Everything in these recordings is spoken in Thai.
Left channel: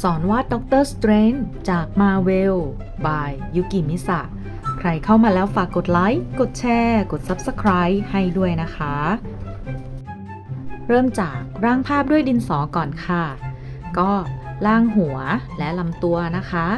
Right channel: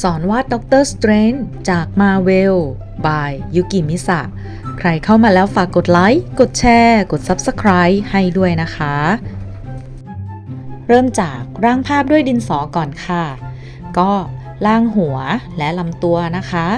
สอนวาดด็อกเตอร์สเตรนจากมาเวลบายยุกิมิสะใครเข้ามาแล้วฝากกดไลค์ กดแชร์ กด Subscribe ให้ด้วยนะคะ เริ่มจากร่างภาพด้วยดินสอก่อนค่ะ ก็ล่างหัวและลำตัวนะคะ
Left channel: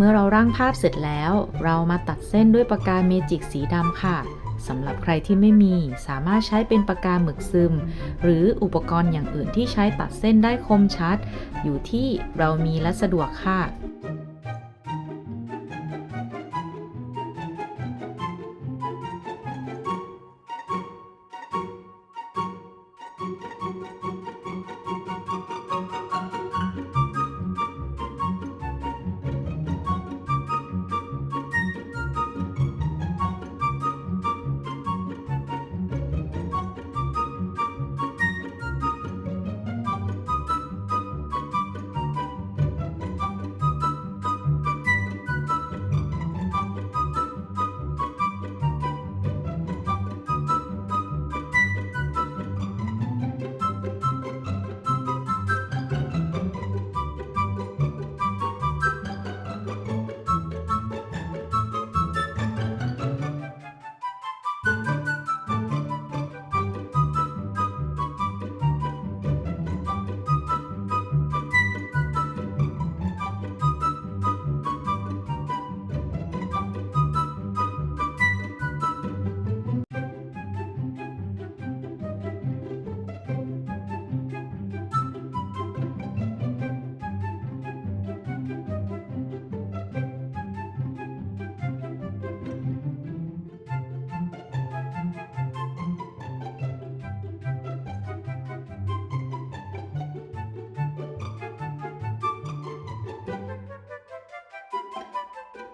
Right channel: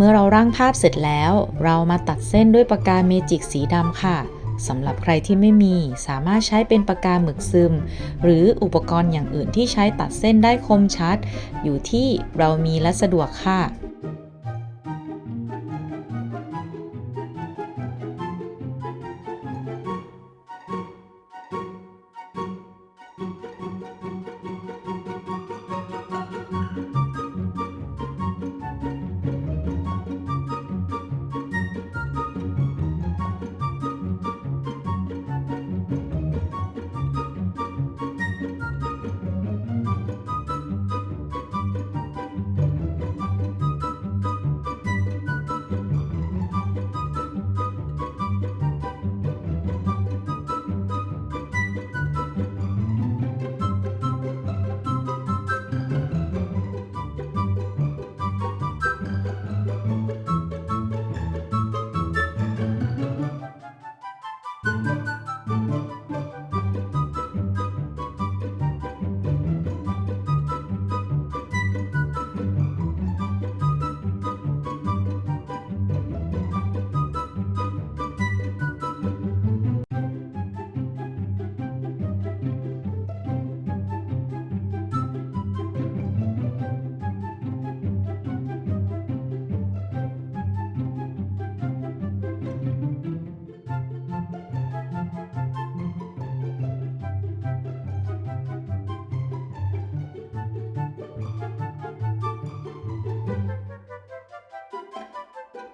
เมื่อเราร่างภาพเสร็จแล้ว เรามาตัดเส้นด้วยปากกาเมจิกสีดำค่ะสำหรับใครที่ไม่มีสามารถใช้เป็นปากกาหมึกซึม หรืออุปกรณ์อย่างอื่นที่ใช้ตัดเส้นได้คมชัด อยู่ที่เรามีและสะดวกค่ะ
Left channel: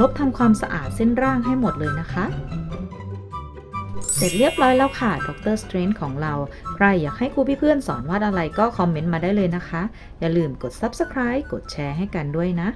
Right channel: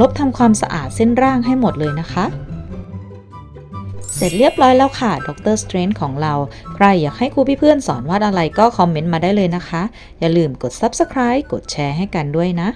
ลบทำความสะอาดเส้นร่างให้หมดเลยนะคะ เสร็จเรียบร้อยแล้วค่ะดรสเตรนของเรา ใครอยากให้ครูพี่เพื่อนสอนวาดอะไรก็คอมเมนต์มาได้เลยนะคะ อย่าลืมกด Subscribe กดแชร์ให้กันด้วยนะ